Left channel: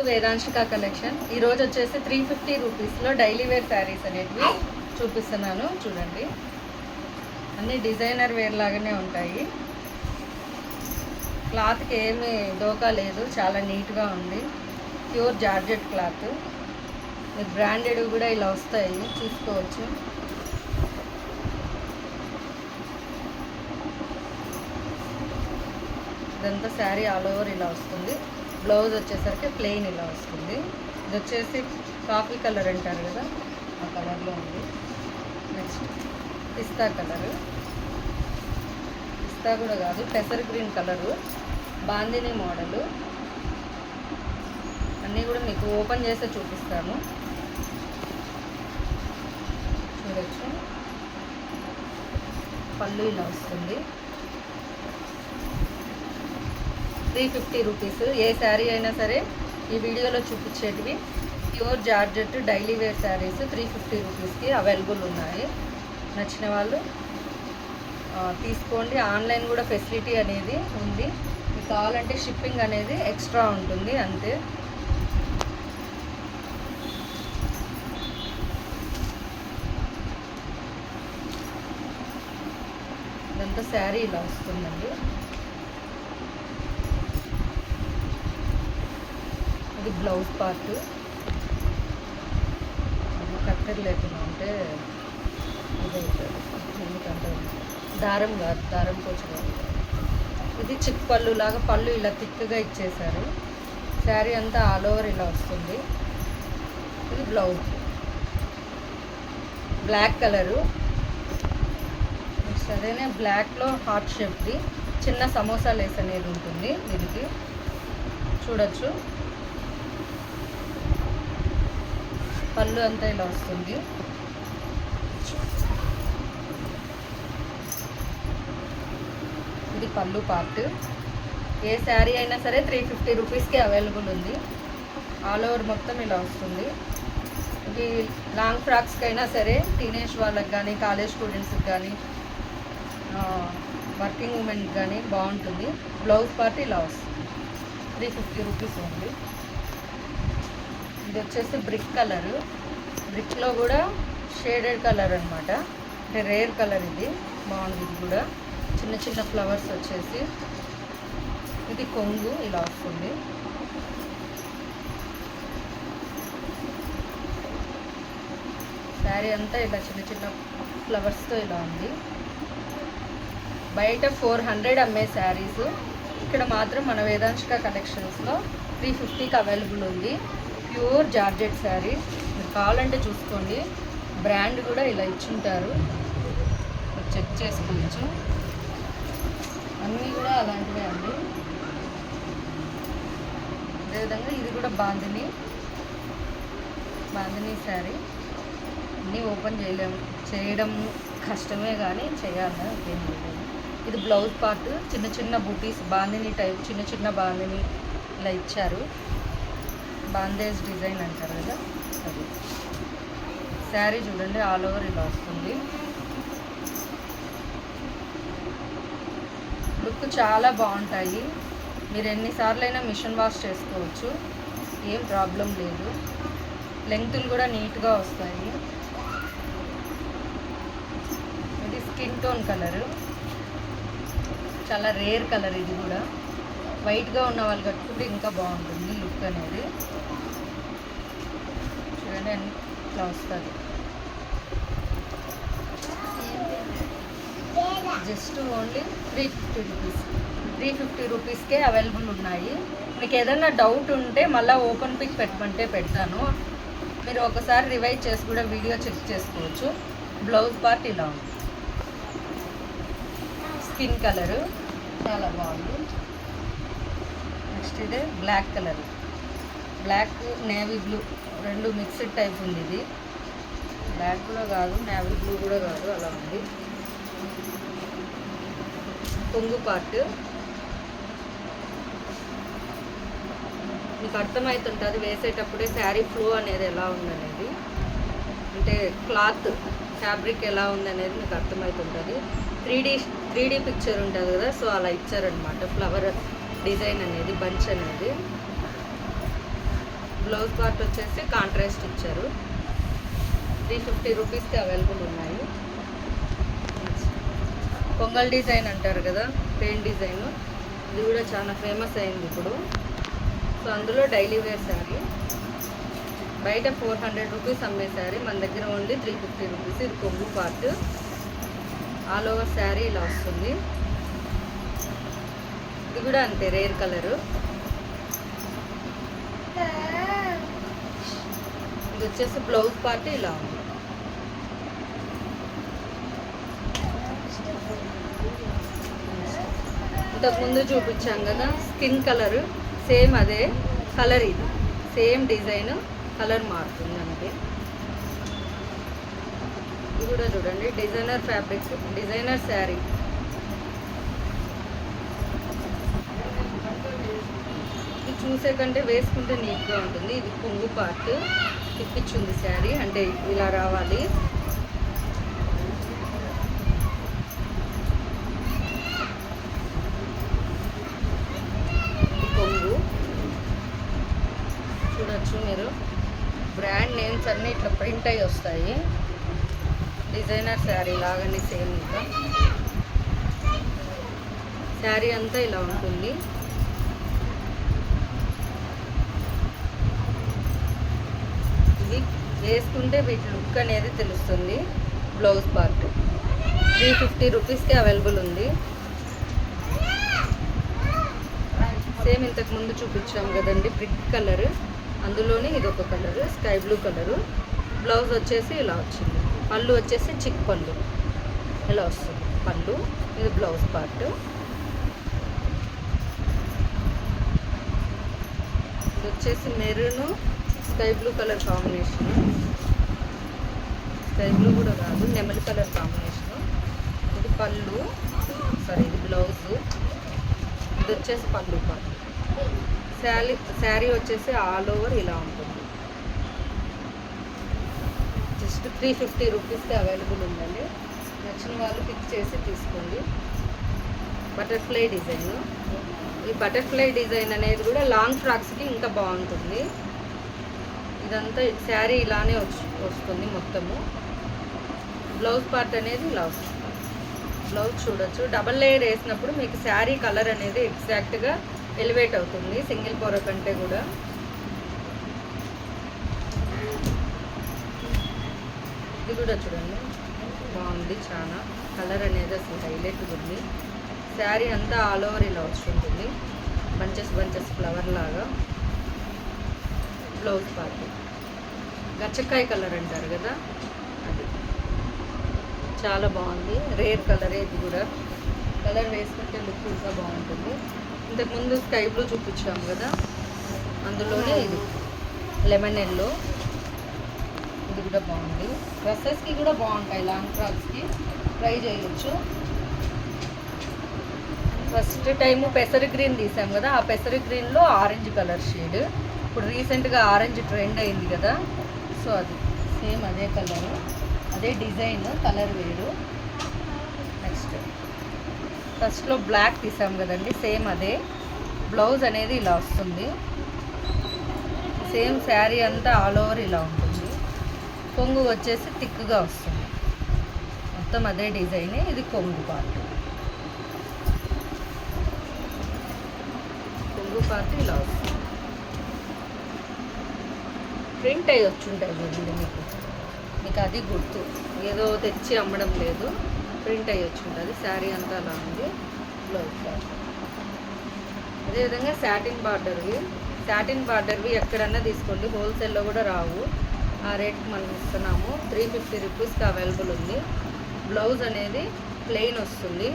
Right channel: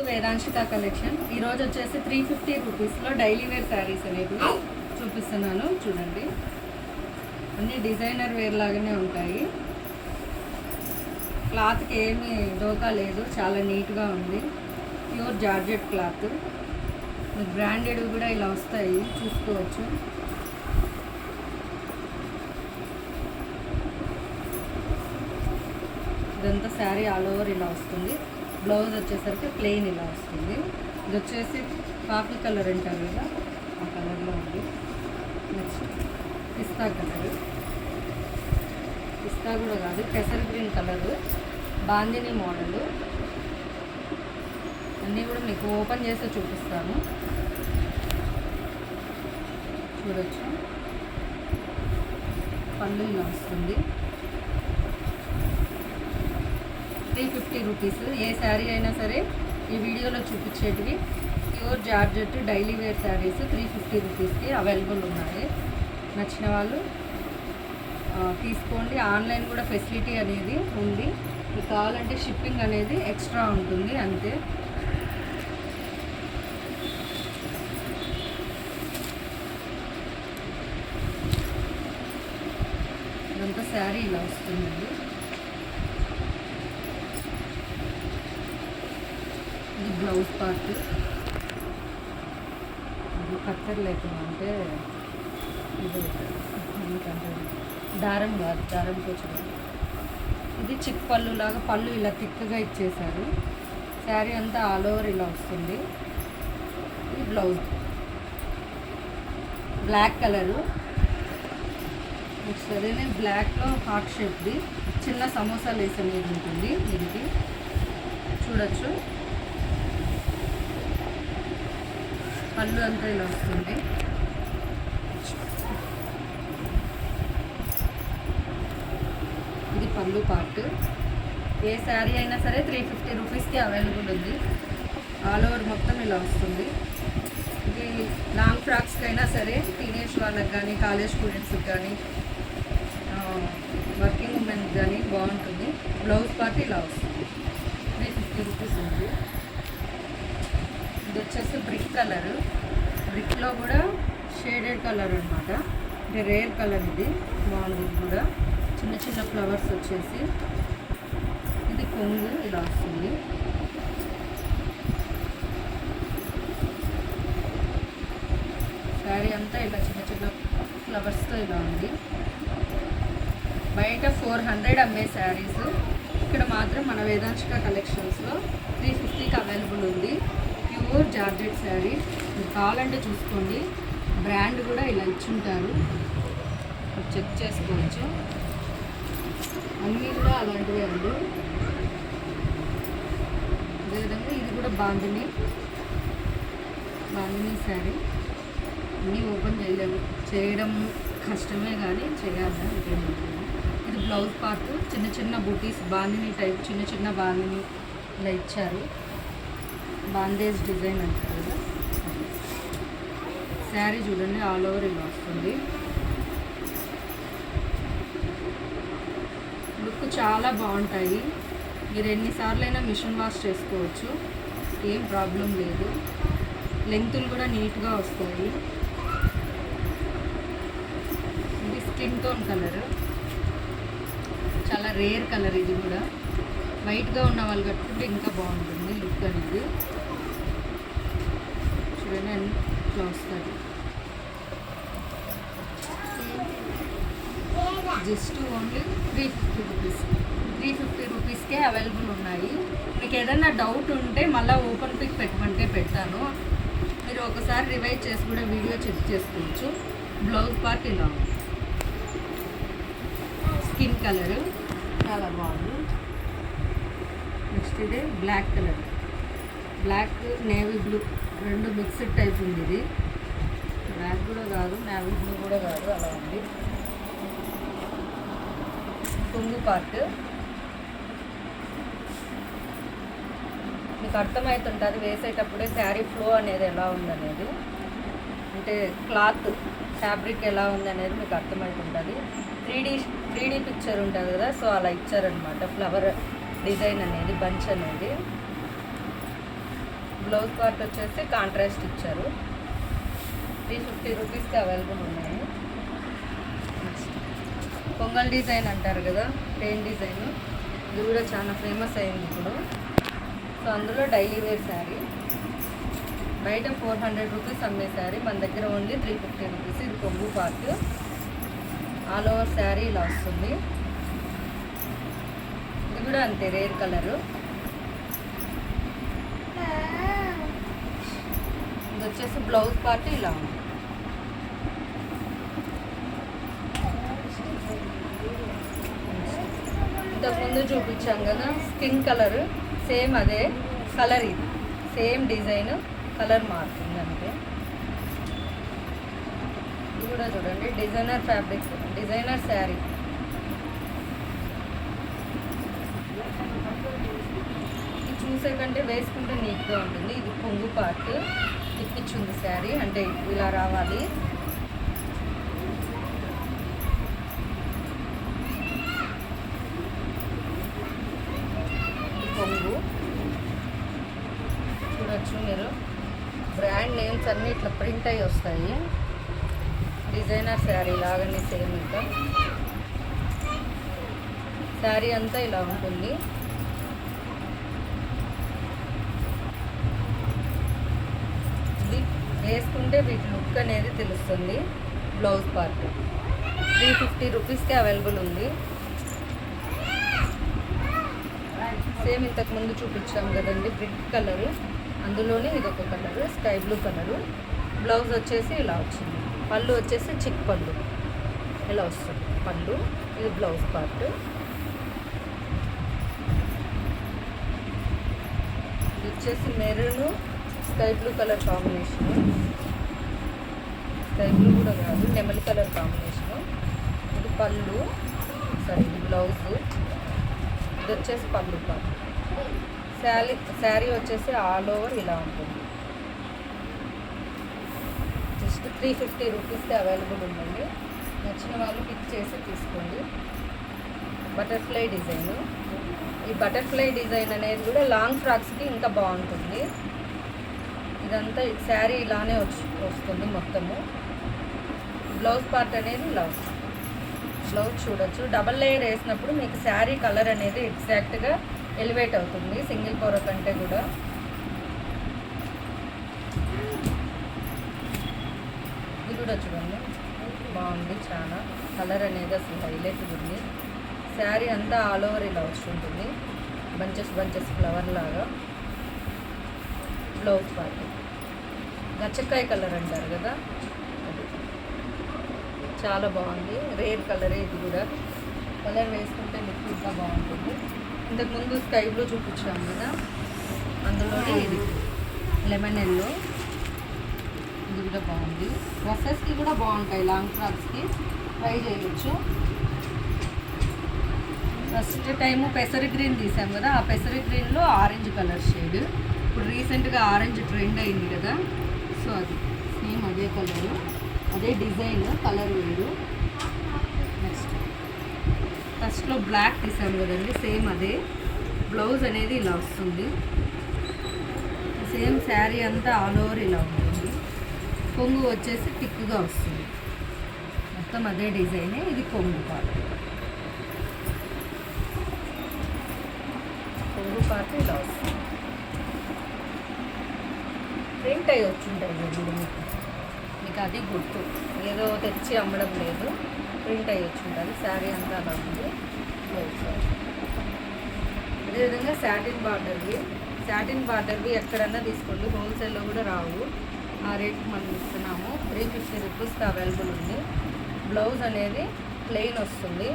To వేదాంశిక collection. ఈరోజు వచ్చేసి 350 రూపీస్లో డైలీ వేర్ శారీస్ అనేవి చూపిస్తున్నాను. చూడండి, అన్నీ డిజైనర్ వేర్ లాగానే ఉంటాయి. క్లాత్కి ఏమీ డోకా లేదు, చాలా నీట్గా ఉంది. Pure georgette cloth. మీరు బ్రాండెడ్ కూడా ఇలా వస్తాయి, చూసుకోవచ్చు. ఇదంతా శారీ ఆల్ ఓవర్ ఇలా వస్తుంది. బ్లౌజ్ వచ్చేసరికి ప్లెయిన్ ఇలా వస్తుంది. ఇది వచ్చేసి కాఫీ కలర్ అంటారు కదా, ఆ కలర్లో ఉంది. నెక్స్ట్ పిస్తా కలరు, పిస్తా కూడా కాదు, పెసర్ గ్రీన్ కలరు, బాందిని మోడలు. అన్నీ కూడా మీకు ఓపెన్ చేసే చూపిస్తాను, చూడొచ్చు. పళ్ళు ఇలా వస్తుంది. 350 రూపీస్. ఏ శారీ అయినా సరే ఈ వీడియోలో చూపించేటివి pure georgette daily wear saris 350 రూపీస్కి అవైలబుల్ ఉన్నాయి. నచ్చిన వాళ్ళు తీసుకోండి. ఆన్లైన్ కూడా ఫెసిలిటీ అనేది ఉంది. మీకు కావాలంటే షిప్పింగ్ అనేది ఎక్స్ట్రా ఉంటుంది, అంతే. ఇదంతా శారీ ఇలా వస్తుందండి. ఇది బ్లౌజ్ పార్ట్. అది కత్తెర లేకుండా ఉంటే ఇది ఎందుకంటే దారం కాదు, దారం కోసం. ఇది చిక్ పళ్ళు లాగా, పళ్ళు ఇలా థిక్గా ఇచ్చేసారు. శారీ అంతా ఆల్ ఓవర్ ఇలా వస్తుంది. ఇది బ్లౌజ్ బ్లాక్ కలరు. సరేనే బ్లాక్లో హార్ట్ షేప్ది చిన్న సమోసా లేస్ అనేది ఉంటుంది. దీనికి చూడొచ్చు. పళ్ళు అంతా ఇలా వస్తుంది. ఇది పళ్ళు పార్ట్. ఏ శారీ అయినా సరే 350 రూపీస్కి అవైలబుల్ ఉంది. ఆల్ ఓవర్ మొత్తం ఇలా వస్తుంది. ఇది లాంగ్ ఫ్రాక్స్కి అయినా సరే, టీనేజ్ వాళ్ళకి కానీ, కాలేజ్ స్టూడెంట్స్కి కానీ, వర్కింగ్ ఉమెన్కి కానీ బాగుంటుంది. బ్లౌజ్ పార్ట్ ఇలా వస్తుంది. 350 రూపీస్ ఉంది. ఇది వచ్చేసి బ్రిక్ కలరు. బ్రిక్లో కూడా షేడెడ్ కలర్ అనమాట, అంటే రేర్ కలర్. ఇది బాగుంది. ఇది కూడా చిన్న చిన్న ఫ్లవర్స్ వచ్చేసి. ఇది కొంగు ఇలా వస్తుంది. శారీ అంతా ఇలా చిన్న చిన్న ఫ్లవర్స్తో ఇలా ఉంది. బయట 400 అమ్మే శారీస్ ఇక్కడ మాత్రం మన వేదాంశిక కలెక్షన్స్లో 350కి అవైలబుల్ ఉంది. Pure georgette sari. మీకు కావాలంటే చూసుకోండి, బ్రాండ్ కూడా ఇలా ఇచ్చుంటారు, చెక్ చేసుకోవచ్చు. అన్నీ కూడా అలాంటివే అండి. అదేవిధంగా ఇది కూడా బాందిని శారీ. అన్నీ ఓపెన్ చేయడం కష్టమే, కానీ చేయాలి, ఇంకేం లేదు. ఇది బ్లౌజ్ పార్ట్. చిన్న చిన్న బూటీస్, బాందిని టైప్, చిన్న చిన్న బాందిని ఇలా ఇచ్చారు. బాందేజ్ డిజైన్ అంటారు కదా అది. శారీ చూడండి, ఆల్ ఓవర్ ఇలా వస్తుంది. లుక్ చాలా బాగుంటాయి. మీరు ఎన్నిసార్లైనా మిషన్ వాష్ చేసుకోవచ్చు, ఏం ప్రాబ్లం లేదు. లెంగ్తులు కూడా నీట్గా వస్తాయి. ఇది స్కిన్ టోన్ కలరు, చాలా రేర్ కలర్. ఇది కూడా వైట్గా ఉన్న వాళ్ళు కట్టుకుంటే ఇంకా బాగుంటుంది లుక్ అనేది. చూడండి, ఇట్లా వస్తుంది. Just only 350 rupees. 350 రూపీస్కే అవైలబుల్ ఉన్నాయి. మీకు ఏదైనా డౌట్ ఉంటే మళ్ళీ ఓపెన్ పిక్ పెట్టమంటే పెడతాను. మీరు ఒకసారి రివైజ్ చేసి కూడా వీడియో చెక్ చేసుకోవచ్చు. బ్లౌజ్ పార్ట్ ఇలా ఉంది. స్కిన్ కలరు చాలా బాగుంది. నెక్స్ట్ ఇదే black colour. Black navy blue రెండు మిక్స్డ్ టైప్ ఉంది. ఇది బ్లాక్ కూడా కాదు, నేవీ బ్లూ కూడా కాదు, అలా ఉంది. కొంగు పార్ట్ మీకు అర్థమవుతుంటుంది వేసేటప్పుడే శారీ ఫ్లో అనేది ఎలా ఉందనేది, అంటే క్లాత్ ఫ్యాబ్రిక్ ఎలా ఉందనేది మీకు అర్థమవుతుంటుంది. 3D పిక్చర్ ఉంటుంది కదా, సో అలా ఇచ్చారనమాట. ఫ్లవర్ డిజైన్ అనేది, బంచ్ అనేది. బ్లౌజ్ పార్ట్ వచ్చేసి కాంట్రాస్ట్ ఇచ్చారు. 350 రూపీస్కి అవైలబుల్ ఉన్నాయి. పొంగల్ డిజైన్ అంటారు కదా, పెయిన్ డిజైన్, ఇది కూడా చాలా ఫేమస్ అయింది ఇప్పుడు. సో అందులో డైలీ వేర్ శారీ బయట 400 రూపీస్ అమ్మే శారీ మన దగ్గర ఓన్లీ 350 రూపీస్. ఇది కొంగు పార్ట్, ఆల్ ఓవర్ శారీ ఇలా వస్తుంది. ఇది కూడా అంతే, రేర్ కలరు. ఇది వచ్చేసి బ్లౌజ్ పార్ట్ ఇలా ఉంది. ఇంతకుముందు చూపించాం కదా స్కిన్ కలర్, సేమ్ అదే కలర్, ఇది సేమ్ డిజైన్, కలర్ మారుతుంది అంతే. ఇది కూడా చూడండి డిజైనర్ ఫ్యాబ్రిక్, డిజైనర్ శారీ. ఇది చూసే కంటే వేసుకుంటే నీట్గా ఉంటుంది. ఇది కొంగు పార్ట్ తిప్పించింది శారీ, అంటే ఇలా రావాలి. కొంగు చూడొచ్చు మీరు, బ్రాండ్ నేమ్స్ అన్నీ ఇట్లా ప్రింట్ అయ్యి వస్తాయి. డిజైనర్ శారీ లాగానే సేమ్. ఇంకా శారీ అంతా ఇలా ఉంటుంది. ఇది వేసుకుంటే వీటి లుక్ అనేది తెలుస్తుంది. బ్లౌజ్ పార్ట్ 350 రూపీస్కి అవైలబుల్ ఉంది. సేమ్ ఇంతకుముందు చూపించాం కదండి బ్రిక్ కలర్, అందులోనే ఇది ఒక colour, sky blue colour. Blouse వచ్చేసి ఇలా వచ్చింది. పళ్ళు వచ్చేసి చిక్ పళ్ళు ఇలా వస్తుంది పళ్ళు. ఇది బ్లౌజ్ పార్ట్. ఇది వచ్చేసి maroon sky blue colour combination. Sky blue కూడా కాదు, నెమలి కలర్ కాంబినేషను. ఇది పళ్ళు, సరే ఇది బ్లౌజ్. ఇది వచ్చేసి పళ్ళు పార్ట్. శారీ వచ్చేసి ఆల్ ఓవర్ ఇలా ఉంటుంది. జస్ట్ 350 రూపీస్కి అవైలబుల్ ఉందండి. నచ్చిన వాళ్ళు పిక్ చేసి తీసుకోండి. బటర్ఫ్లై డిజైన్, ఈ బటర్ఫ్లై డిజైన్ అనేది కూడా లాంగ్ ఫ్రాక్స్కి ఇంకా బాగుంటుంది. ఇదంతా శారీ ఇలానే వస్తుంది మొత్తము. బ్లౌజ్ పార్ట్ అనేది ఇలా వస్తుంది. బ్లౌజ్ చూడొచ్చు, డబల్ లేయర్ వేసినప్పుడు మీకు శారీ కలర్ అనేది ఎగ్జాక్ట్గా ఎలివేట్ అవుతుంది సింగిల్ పొర కంటే కూడా. ఇది కూడా చూడండి బాగుంది, చాలా కలర్ అనేది అసలు హైలైట్ ఉంది. శారీ అంతా ఆల్ ఓవర్ ఇలా వస్తుంటుంది, బంచెస్ బంచెస్ ఫ్లవర్ లాగా. బ్లౌజ్ పార్ట్ గచ్చకాయ కలర్ అంటారు కదా, అది చాలా బాగుంది. రేర్ కలరే ఇది కూడా. కలర్ వేసుకుంటే లుక్ ఇంకా బాగుంటుంది. ఇంతకుముందు స్కై బ్లూ చూపించాము కదా, అందులోనే ఇది లెమన్ ఎల్లో. ఇది కూడా బాగుంది. డ్రెస్సెస్కి కూడా బాగుంటాయి, లాంగ్ ఫ్రాక్స్కి ట్రై చేయొచ్చు. ఫస్ట్ టైము పెసరి గ్రీన్ తీసాం కదా, ఆ పెసరి గ్రీన్లో ఆరెంజ్ కలర్ షేడ్. ఇప్పుడు రీసెంట్గా ఆరెంజ్ ట్రెండ్ అయింది కదా, సో అది సేమ్ అదే కలరు, అదే డిజైన్, కలర్ వేరు. నెక్స్ట్ ఫస్ట్లో బ్లాక్ తీసాం కదండి, సేమ్ అదే. బ్లౌజ్ అనేది ఇలా వస్తుంది. సేమ్ శారీ అంతా ఆల్ ఓవర్ ఇలా ఉంటుంది. కొంగు వచ్చేసి థిక్గా వస్తుంది. మొత్తం అదే డిజైనే. ఇది కొంగు పార్ట్. కొంగు పార్ట్ ఇలా వస్తుంది. ప్రింట్ అయ్యి వచ్చుంటాయి కదండి మీకు అది గుర్తు, ఏదో తెచ్చి అమ్మడం లేదు, ప్రింట్ అయ్యి వచ్చుంటుంది. శారీ అంతా అలా ఉంది. బ్లౌజ్ పార్ట్ అదేవిధంగా శాటిన్ బార్డర్వి ఎక్కడన్నా తీసుకోండి, హోల్సేల్లో కూడా రావు. ఆ రేట్కి మనం ఇస్తున్నాము. 350 రూపీస్కి అవైలబుల్ ఉంది. బ్లౌజ్ అనేది ప్లెయిన్ వస్తుంది.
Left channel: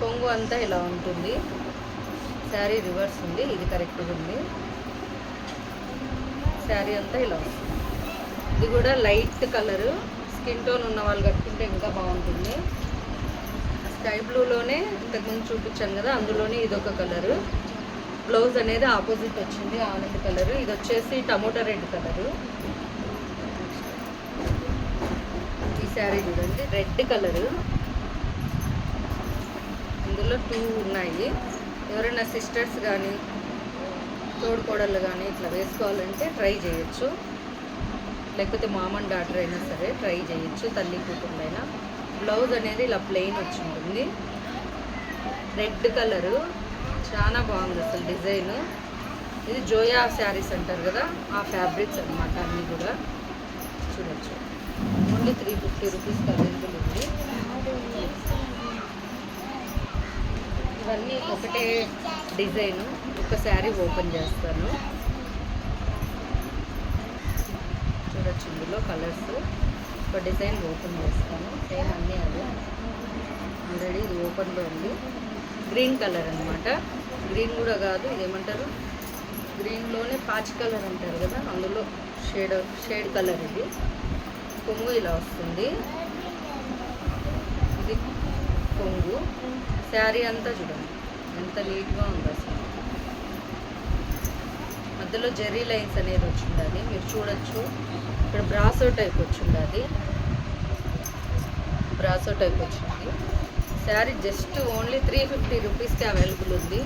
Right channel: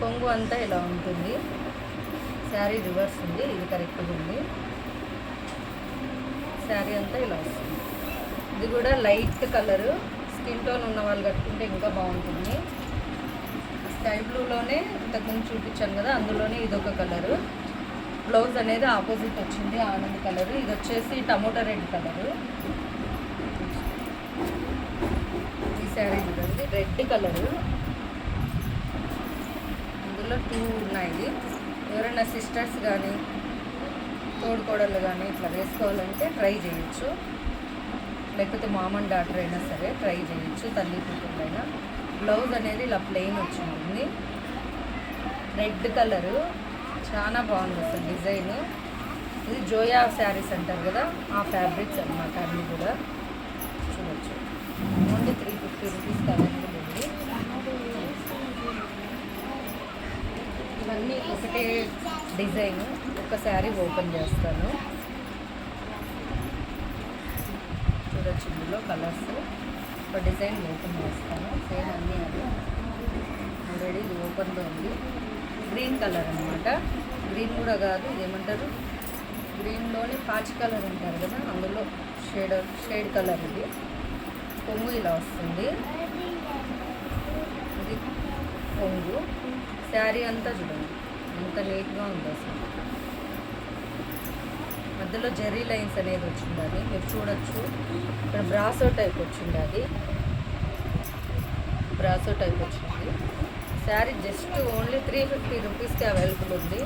కొంగు అంతా ఇలా ఉంటుంది. శారీ రివర్స్ ఉంది, ఇది కరెక్ట్గా ఉంది. శారీ అంతా ఇలా వస్తుంది. ఇది కూడా లైట్ కలరు, స్కిన్ టోన్ ఉన్న వాళ్ళు కట్టుకుంటే ఇంకా బాగుంటుంది. స్కై బ్లూలోనే ఇంతకుముందు చూపించాను కదా, అందులోనే ఇదొక కలరు. బ్లౌజ్ అనేది ఆపోజిట్ వచ్చింది, ఆనంద్ కలరు. ఇది వచ్చేసి టమోటా రెడ్ కలరు. ఈ శారీ చూడండి, రెడ్ కలరు. ఇందులో 2 ఉన్నాయి. ఎవరైనా సిస్టర్స్ కానీ తోడుకోడళ్ళు కానీ ఇట్లా వేసుకోవాలంటే ట్రై చేయొచ్చు, లేకపోతే మామ అండ్ డాటర్ అయినా సరే ట్రై చేయొచ్చు, తల్లి కూతుళ్ళైనా. బ్లౌజ్ అనేది ఇలా ప్లెయిన్ వచ్చి ఉంటుంది, రెడ్ కలరు, చాలా బాగుంది అసలు డిజైన్. ఇది జోయా శారీస్ అంటారు కదా, ఆ ఫ్యాబ్రిక్స్ అనమాట అన్నీ కూడా. చూడొచ్చు, ఓన్లీ 350 రూపీస్కి అవైలబుల్ ఉంది. ఇవన్నీ ఒకటే డిజైన్. ఒక శారీ ఓపెన్ చేస్తాను, చూడొచ్చు. ఇందులో కలర్స్ ఒక డిజైన్ ఓపెన్ చేస్తాను, సేమ్ అన్నీ అవి ఆల్రెడీ ఇది ఓపెన్లో ఉంది. గ్రీన్ కలర్ అనమాట, గ్రీన్ కూడా కాదు, ఇదేమంటారు గ్రీన్లోనే పాచి కలర్ అంటారు కదా, అందులో షేడ్ కలర్. ఇది కొంగు ఇలా వస్తుంది, ఇది కొంగు. శారీ అంతా చూడండి ఎంత నీట్గా ఉంది అసలు. మధ్యలో జెర్రీ లైన్స్ అనేది వచ్చింది, మీరు చూడొచ్చు. ఇక్కడ బ్రాసో టైప్ వచ్చింది, బ్రాసో టైప్ వచ్చింది. శారీ జస్ట్ ఓన్లీ 350 రూపీస్కి అవైలబుల్ ఉంది.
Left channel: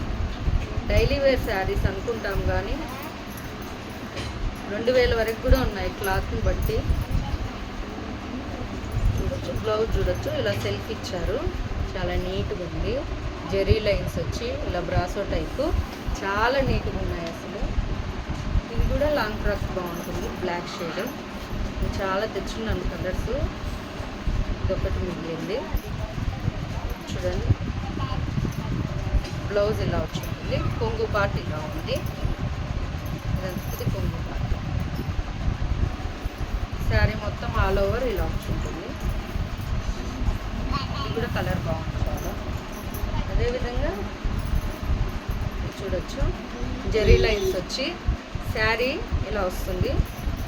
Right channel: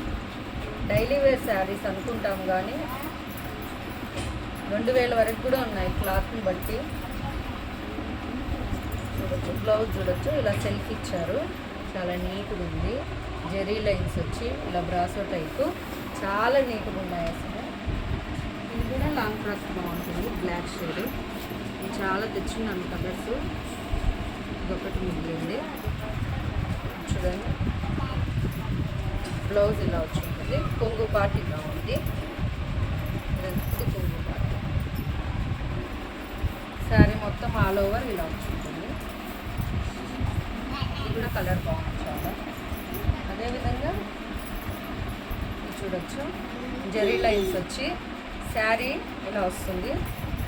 డైలీ వేర్ శారీస్ అనుకుంటాం కానీ 2000 వరకు కూడా ఉన్నాయి క్లాత్ని బట్టి. చూడొచ్చు, బ్లౌజ్ చూడొచ్చు, ఇలా సెల్ఫ్ ఇచ్చారు, చాలా నీట్గా ఉంది. జెర్రీ లైన్స్ వచ్చి ఇలా బ్రాసో టైపు చాలా నీట్గా ఉన్నాయి అసలు. ఇది కూడా లాంగ్ ఫ్రాక్స్ బాగుంటుంది, బ్లాక్ షేడ్. ఇది చాలా తెచ్చున్నాను కలర్స్, ఇదొకటి మిగిలింది. చూడండి, బ్లౌజ్ ఇలా వచ్చింది, కొంగు పార్ట్ ఇలా ఉంది. ఇది కొంగు పార్ట్. శారీ మొత్తం ఆల్ ఓవర్ ఇలా వచ్చింటుంది. ఇది కూడా కలర్ బాగుంది చాలా. అదేవిధంగా చూడొచ్చు, జెర్రీ లైన్స్ వచ్చి శారీ ఇలా వస్తుంది,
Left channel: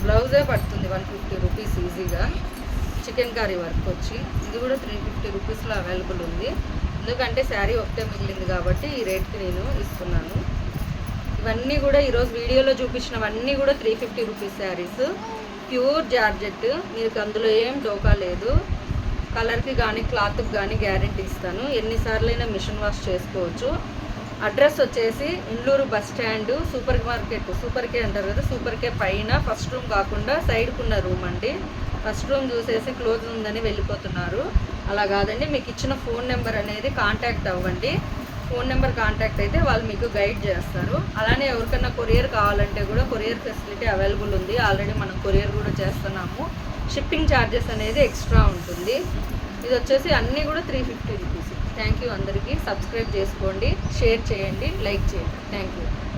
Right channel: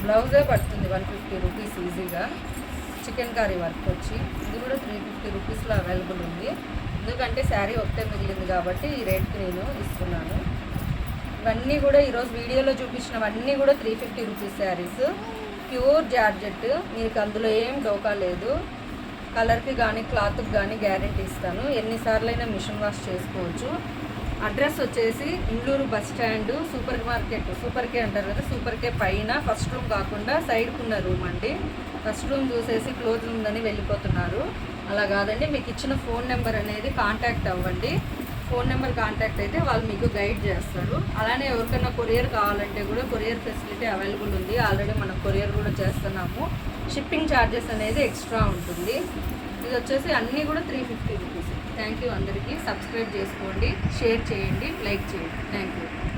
బ్లౌజే పడుతుంది 150 రూపీస్ ఈజీగా. చికెన్ కర్రీ వర్క్ వచ్చి ఇది కూడా 350 రూపీస్లో అవైలబుల్ ఉంది. ఎందుకంటే శారీ ఒకటే మిగిలింది కాబట్టి ఈ రేట్కి నేను ఇస్తున్నాను. ఇవన్నీ కూడా ఈరోజు వీడియోలో చూపించినవన్నీ కూడా 350 రూపీస్ శారీస్, ప్యూర్ జార్జెట్. మీకు అందులో ఏం డోకా లేదు. కలర్కి కానీ క్లాత్కి కానీ గ్యారెంటీ ఇస్తాను. ఎన్నిసార్లైనా మిషన్ వాష్ చేసుకోవచ్చు. అడ్రస్ వచ్చేసి Indluru bus stand, super market, super K అంటారు కదా, సూపర్ కే పైన ఫస్ట్ రూమ్ కాకుండా సైడ్కున్న రూమ్ అండి. ఫస్ట్ రూమ్ చూసేసి క్లోజ్ ఉందని వెళ్ళిపోతున్నారు. అలా కాదండి, మీకు ఇచ్చిన ఫోన్ నెంబర్ అనేది కాంటాక్ట్ అవ్వండి. ఫోన్ నెంబర్ కాంటాక్ట్ అయితే వాళ్ళు మీకు గైడ్ చేస్తారు. అలానే ఎవరికన్నా కొరియర్ కావాలంటే కూడా కొరియర్ ఫెసిలిటీ అవైలబుల్ ఉంది. ఆల్రెడీ మనం కొరియర్ కూడా చేస్తున్నాము. షిప్పింగ్ ఛార్జెస్ అనేది ఎక్స్ట్రా ఉంటుంది. ఇది వచ్చేసి అన్నీ కూడా 350 రూపీస్. థ్యాంక్ యూ అందరికీ. సబ్స్క్రైబ్ చేసుకోండి, షేర్ చేయండి, లైక్ చేయండి. Thank you.